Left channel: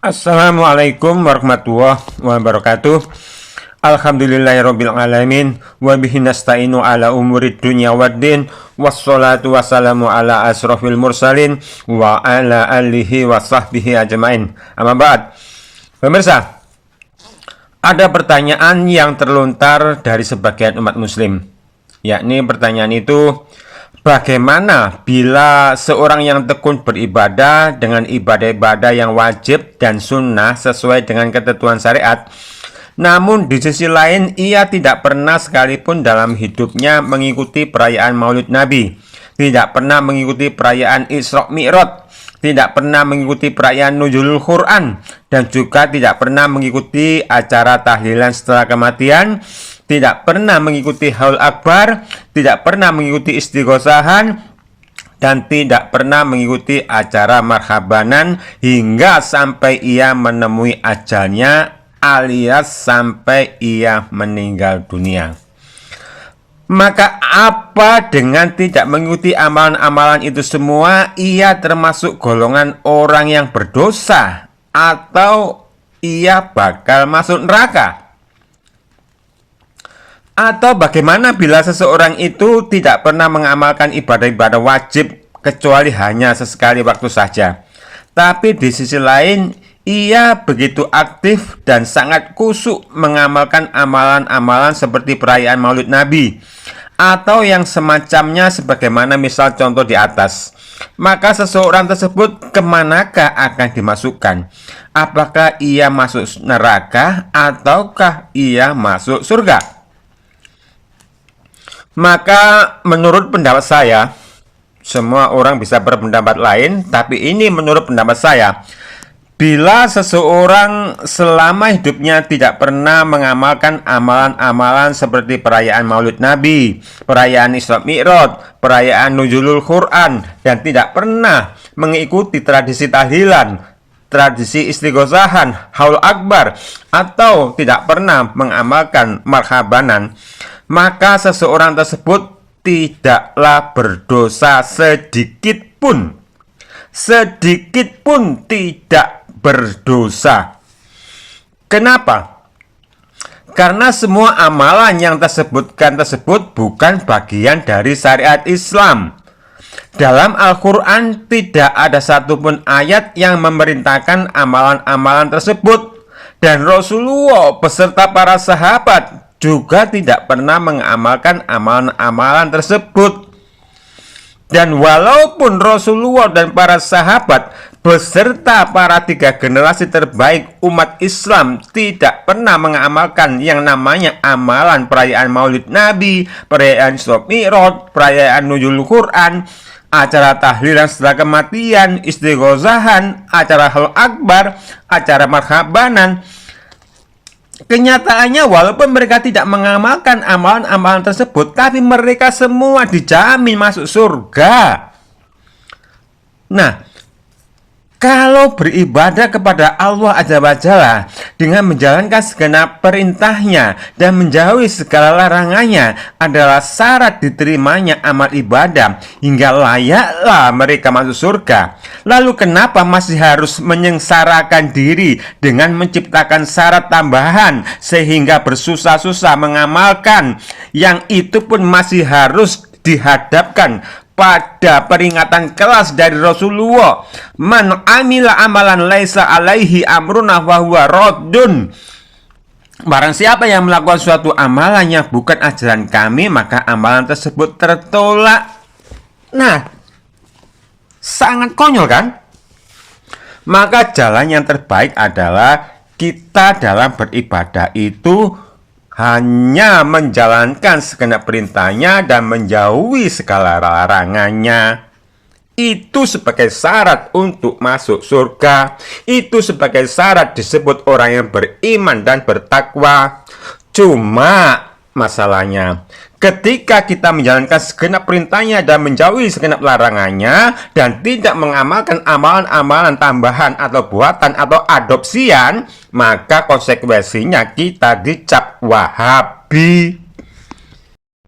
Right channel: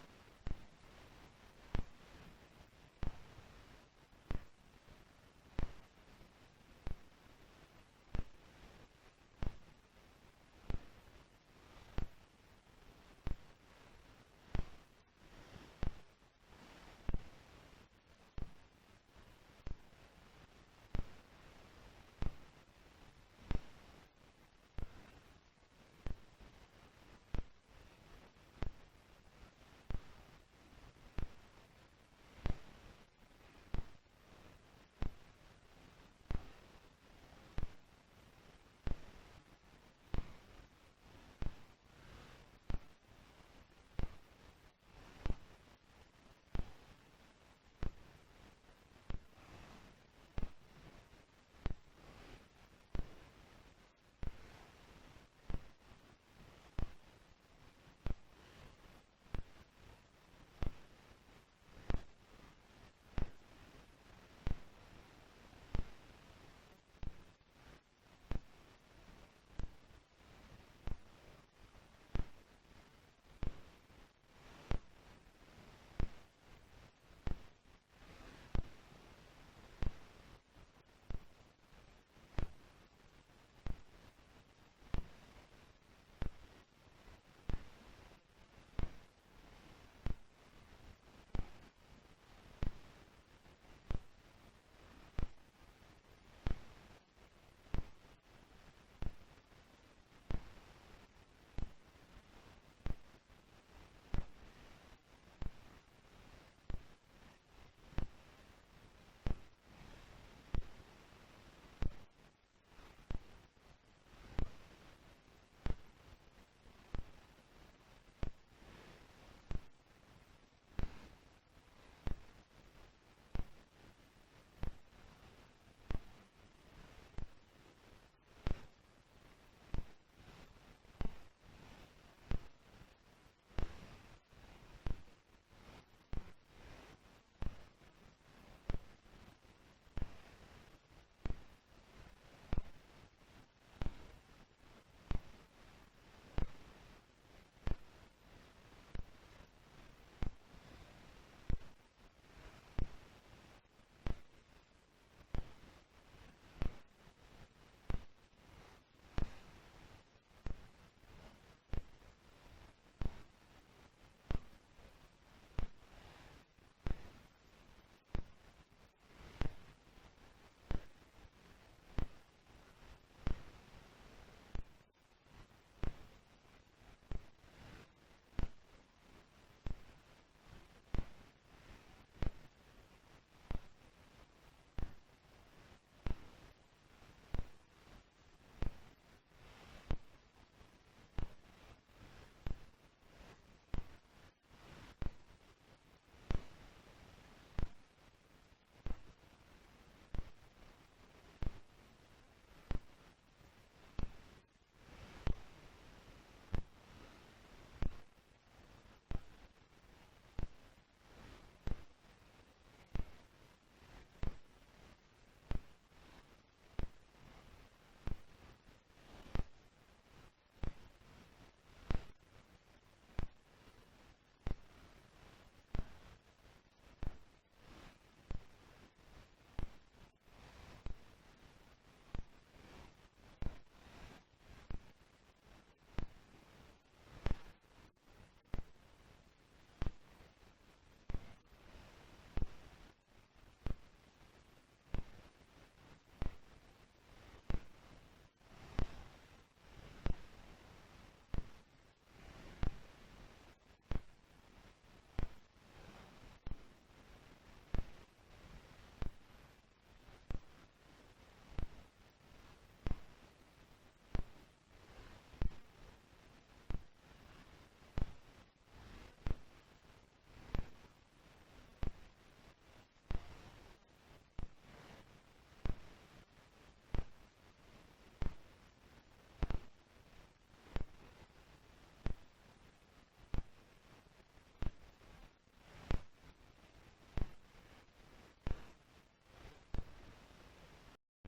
Assalamualaikum warahmatullahi wabarakatuh. Alhamdulillahirabbil alamin wa bihi nasta'inu ala umurid dunya waddin wassalatu wassalamu ala asrofil mursalin wa ala alihi wa sahbihi ajmain. Amma ba'd. Pemirsa, ada pertanyaan yang terlontar dari sebagian umat muslim, yakni pertanyaan itu, bagaimana bila seorang yang tekun beribadah dengan ibadah-ibadah yang wajib dan sunnah sesuai dengan ketentuan syariat, namun di sisi lain ia tidak pernah sekalipun dalam hidupnya mengikuti perayaan Maulid Nabi, tidak pernah mengikuti perayaan Isra Mi'raj, tidak pernah mengikuti perayaan Nuzulul Quran, dan juga tidak pernah mengikuti acara tahlilan setelah kematian, tidak pernah mengikuti haul akbar, tidak pernah mengikuti istighosahan, dan tidak pernah mengikuti acara marhabanan hingga sampai ia menemui ajalnya alias sampai ia meninggal dunia. Maka apa dengan tidak mengikuti amalan-amalan itu semua, ia termasuk golongan orang yang berdosa atau ia bakal masuk neraka? Atau bagaimana bila seseorang itu tidak pernah mengamalkan ibadah-ibadah wajib kecuali hanya sesekali waktu saja, tapi di sisi lain ia begitu aktif dan sangat kusuk mengamalkan amalan-amalan seperti perayaan Maulid Nabi atau yang semacamnya sebagaimana misal contoh di atas. Maka seseorang tersebut kemanakah akan dimasukkan? Apakah ia masuk neraka ataukah ia masuk surga? Maka menurut pendapat saya, semua orang bisa berpendapat lain, tapi ini menurut pendapat saya, bila seseorang selama hidupnya tidak pernah mengamalkan amalan-amalan seperti perayaan Maulid Nabi, perayaan Isra Mi'raj, perayaan Nuzulul Quran, dan tidak pernah mengikuti tradisi tahlilan, tradisi istighosahan, haul akbar, atau tidak pernah mengamalkan marhabanan, maka seseorang tersebut tidaklah berdosa sedikit pun. Sedikit pun tidak berdosa. Kenapa? Karena semua amalan yang tersebutkan tersebut bukan bagian dari syariat Islam. Dalam Al-Quran tidak ada satupun ayat yang memerintahkan amalan-amalan tersebut. Dan Rasulullah beserta para sahabat juga tidak pernah mengamalkan amalan-amalan tersebut. Dan walaupun Rasulullah dan para sahabat beserta para 3 generasi terbaik umat Islam tidak pernah mengamalkan yang namanya amalan perayaan Maulid Nabi, perayaan Isra Mi'raj, perayaan Nuzulul Quran, acara tahlilan setelah kematian, istighosahan, acara haul akbar, acara marhabanan, kenyataannya walaupun mereka tidak mengamalkan amalan-amalan tersebut, tapi mereka semua dijamin masuk surga. Nah, kalau beribadah kepada Allah Azza wa Jalla dengan menjalankan segenap perintahnya dan menjauhi segala larangannya adalah syarat diterimanya amal ibadah hingga layaklah mereka masuk surga. Lalu kenapa masih harus menyengsarakan diri dengan menciptakan syarat tambahan sehingga bersusah-susah mengamalkan yang itu pun masih harus dihadapkan pada peringatan keras dari Rasulullah, man amila amalan laisa alaihi amruna fahuwa raddun. Barang siapa yang melakukan suatu amalan yang bukan ajaran kami, maka amalan tersebut tertolak. Nah, sangat konyol kan? Maka jalan yang terbaik adalah kita dalam beribadah itu hanya menjalankan segenap perintahnya dan menjauhi segala larangannya. Itu sebagai syarat untuk masuk surga. Itu sebagai syarat disebut orang yang beriman dan bertakwa. Cuma masalahnya, ketika kita menjalankan segenap perintahnya dan menjauhi segenap larangannya dan tidak mengamalkan amalan-amalan tambahan atau buatan atau adopsian, maka konsekuensinya kita dicap Wahabi.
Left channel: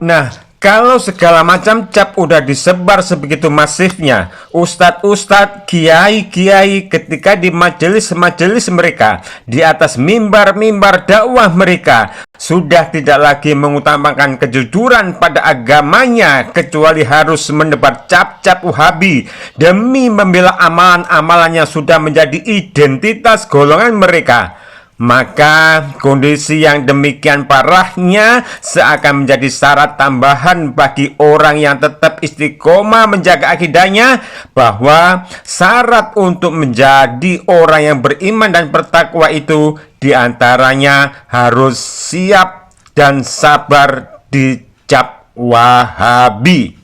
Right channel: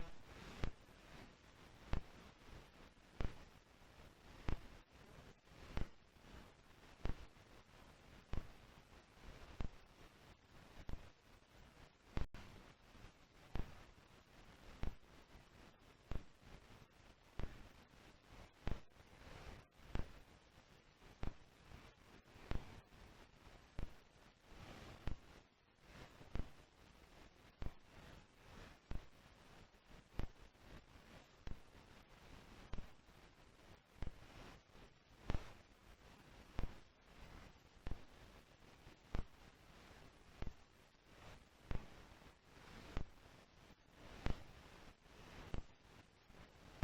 Nah, Kalau segala macam cap udah disebar sebegitu masifnya, ustadz-ustadz, kiai-kiai ketika di majelis-majelis mereka, di atas mimbar-mimbar dakwah mereka, sudah tidak lagi mengutamakan kejujuran pada agamanya, kecuali harus menebar cap-cap Wahabi demi membela amalan-amalan yang sudah menjadi identitas golongan mereka. Maka kondisi yang demikian parahnya seakan menjadi syarat tambahan bagi orang yang tetap istiqomah menjaga akidahnya, bahwa syarat untuk menjadi orang yang beriman dan bertakwa itu diantaranya harus siap dan sabar dicap Wahabi.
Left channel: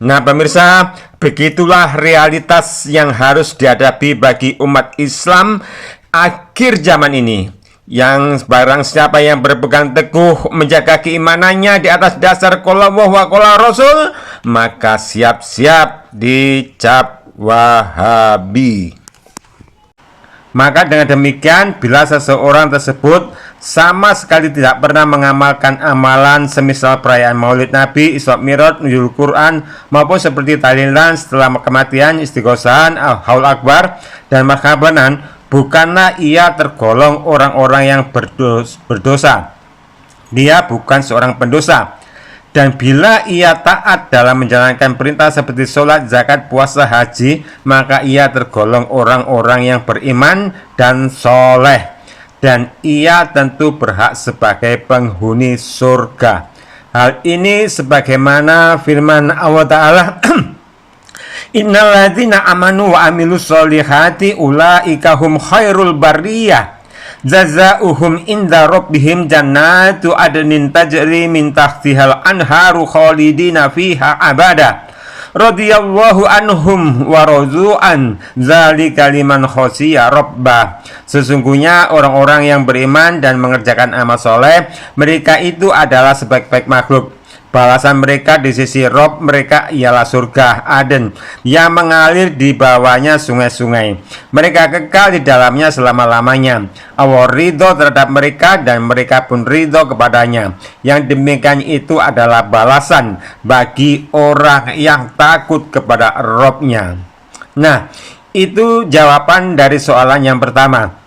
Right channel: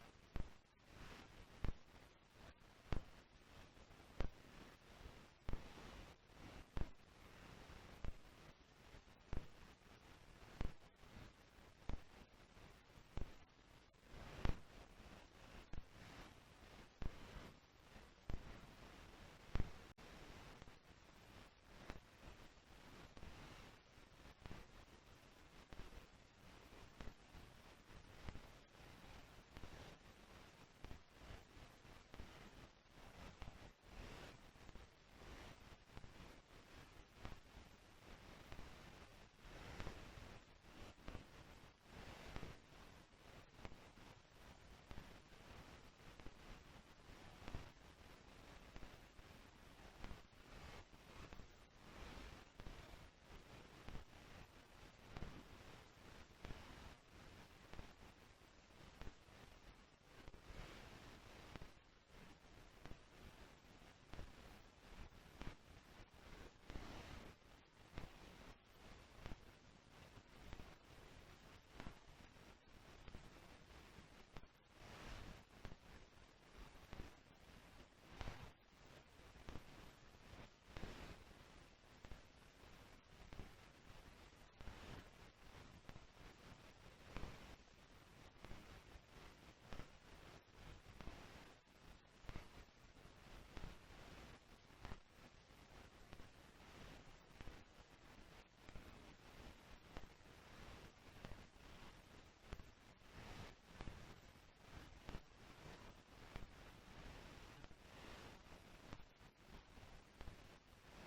Nah pemirsa, begitulah realitas yang harus dihadapi bagi umat Islam akhir zaman ini, yang barang siapa yang berpegang teguh menjaga keimanannya di atas dasar qala Allah wa qala Rasul, maka siap-siap dicap Wahabi. Maka dengan demikian, bila seseorang tersebut sama sekali tidak pernah mengamalkan amalan semisal perayaan Maulid Nabi, Isra Mi'raj, Nuzul Quran, maupun seperti tahlilan setelah kematian, istighosahan, Haul Akbar, dan marhabanan, bukanlah ia tergolong orang-orang yang berdosa. Dia bukan seorang pendosa. Dan bila ia taat dalam menjalankan perintah seperti sholat, zakat, puasa, haji, maka ia tergolong orang-orang yang beriman dan soleh. Dan ia tentu berhak sebagai penghuni surga. Hal ini sebagaimana firman Allah Ta'ala, Innalladzina amanu wa amilus solihati ulaika hum khairul bariyah jazauhum inda rabbihim jannatu adnin tajri min tahtihal anharu khalidina fiha abada radhiyallahu anhum wa radu'an dzalika liman khashiya rabbah. Sesungguhnya orang-orang yang beriman dan mengerjakan amal soleh, mereka itu adalah sebaik-baik makhluk. Balasan mereka di sisi Rob mereka ialah surga Aden yang mengalir di bawahnya sungai-sungai. Mereka kekal di dalamnya selama-lamanya. Allah ridho terhadap mereka dan mereka pun ridho kepadanya. Yang demikian itu adalah balasan bagi orang yang takut kepada Robnya. Nah, itu jawaban dari soalan yang pertama.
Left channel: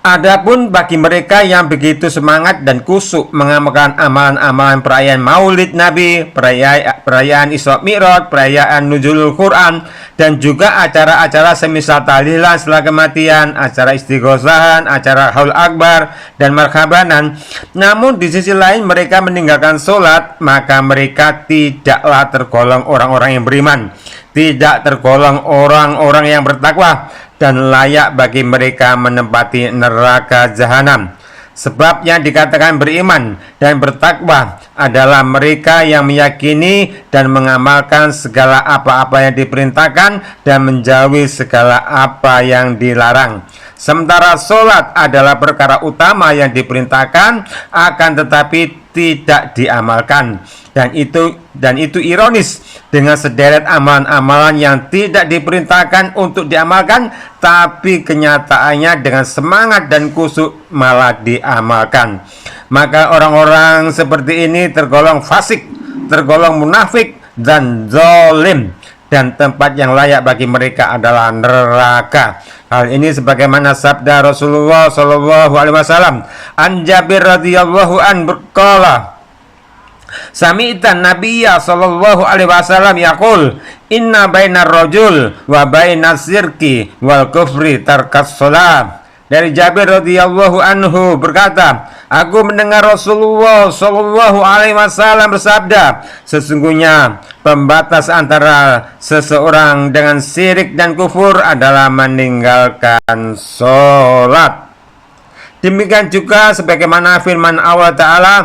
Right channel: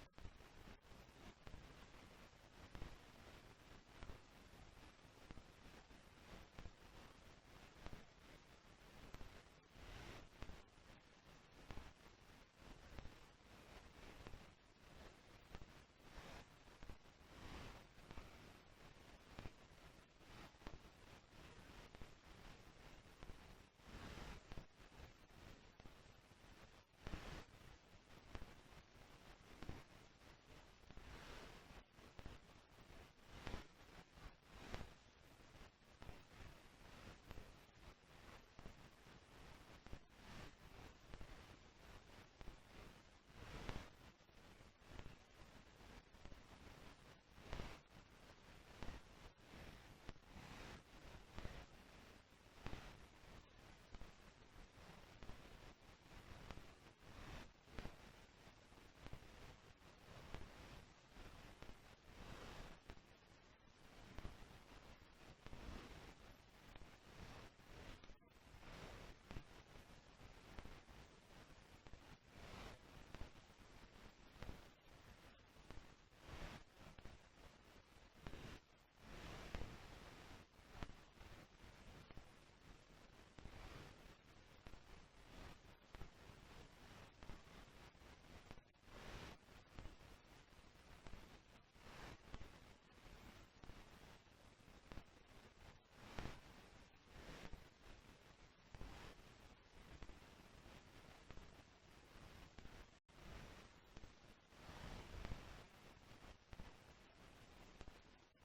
Adapun bagi mereka yang begitu semangat dan kusuk mengamalkan amalan-amalan perayaan Maulid Nabi, perayaan Isra Mi'raj, perayaan Nuzulul Quran, dan juga acara-acara semisal tahlilan setelah kematian, acara istighosahan, acara Haul Akbar, dan marhabanan, namun di sisi lain mereka meninggalkan sholat, maka mereka tidaklah tergolong orang-orang yang beriman, tidak tergolong orang-orang yang bertakwa, dan layak bagi mereka menempati neraka jahanam. Sebab yang dikatakan beriman dan bertakwa adalah mereka yang meyakini dan mengamalkan segala apa-apa yang diperintahkan dan menjauhi segala apa yang dilarang. Sementara sholat adalah perkara utama yang diperintahkan, akan tetapi tidak diamalkan. Dan itu ironis, dengan sederet amalan-amalan yang tidak diperintahkan untuk diamalkan, tapi kenyataannya dengan semangat dan kusuk malah diamalkan. Maka orang-orang seperti ini tergolong fasik, tergolong munafik dan zalim, dan tempat yang layak bagi mereka adalah neraka. Hal ini sebagaimana sabda Rasulullah sallallahu alaihi wasallam, an Jabir radhiyallahu an berkala, Sami'tan Nabiyya sallallahu alaihi wasallam yaqul, inna bainar rajul wa bainas syirki wal kufri tarkas shalah. Dari Jabir radhiyallahu anhu berkata, aku mendengar Rasulullah sallallahu alaihi wasallam bersabda, sesungguhnya pembatas antara seseorang dengan syirik dan kufur adalah meninggalkan sholat. Demikian juga sebagaimana firman Allah Ta'ala,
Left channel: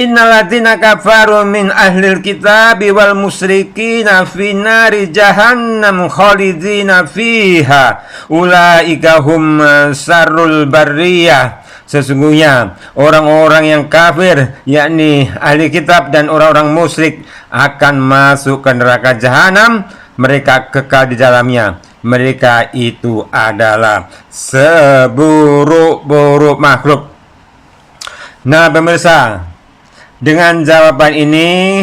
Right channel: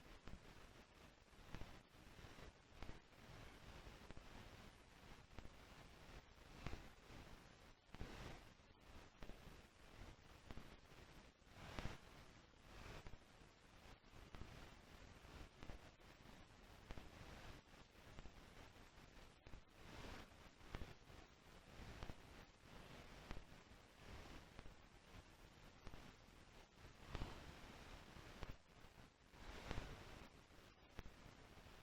Innalladzina kafaru min ahlil kitabi wal musyrikina fi nari jahannam khalidina fiha ulaika hum syarrul barriyah. Sesungguhnya orang-orang yang kafir, yakni ahli kitab dan orang-orang musyrik, akan masuk ke neraka jahanam, mereka kekal di dalamnya. Mereka itu adalah seburuk-buruk makhluk. Nah pemirsa, Dengan jawaban ini,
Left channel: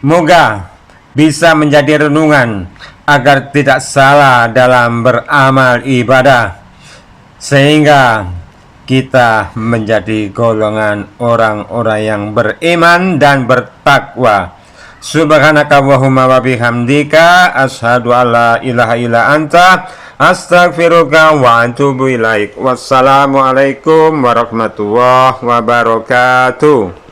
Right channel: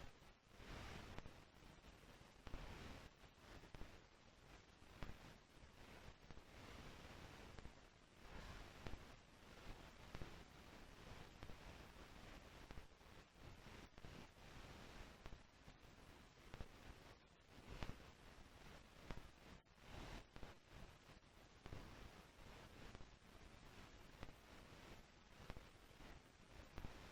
moga bisa menjadi renungan agar tidak salah dalam beramal ibadah, sehingga kita menjadi golongan orang-orang yang beriman dan bertakwa. Subhanakallahumma wa bihamdika asyhadu an la ilaha illa anta astaghfiruka wa atubu ilaik. Wassalamualaikum warahmatullahi wabarakatuh.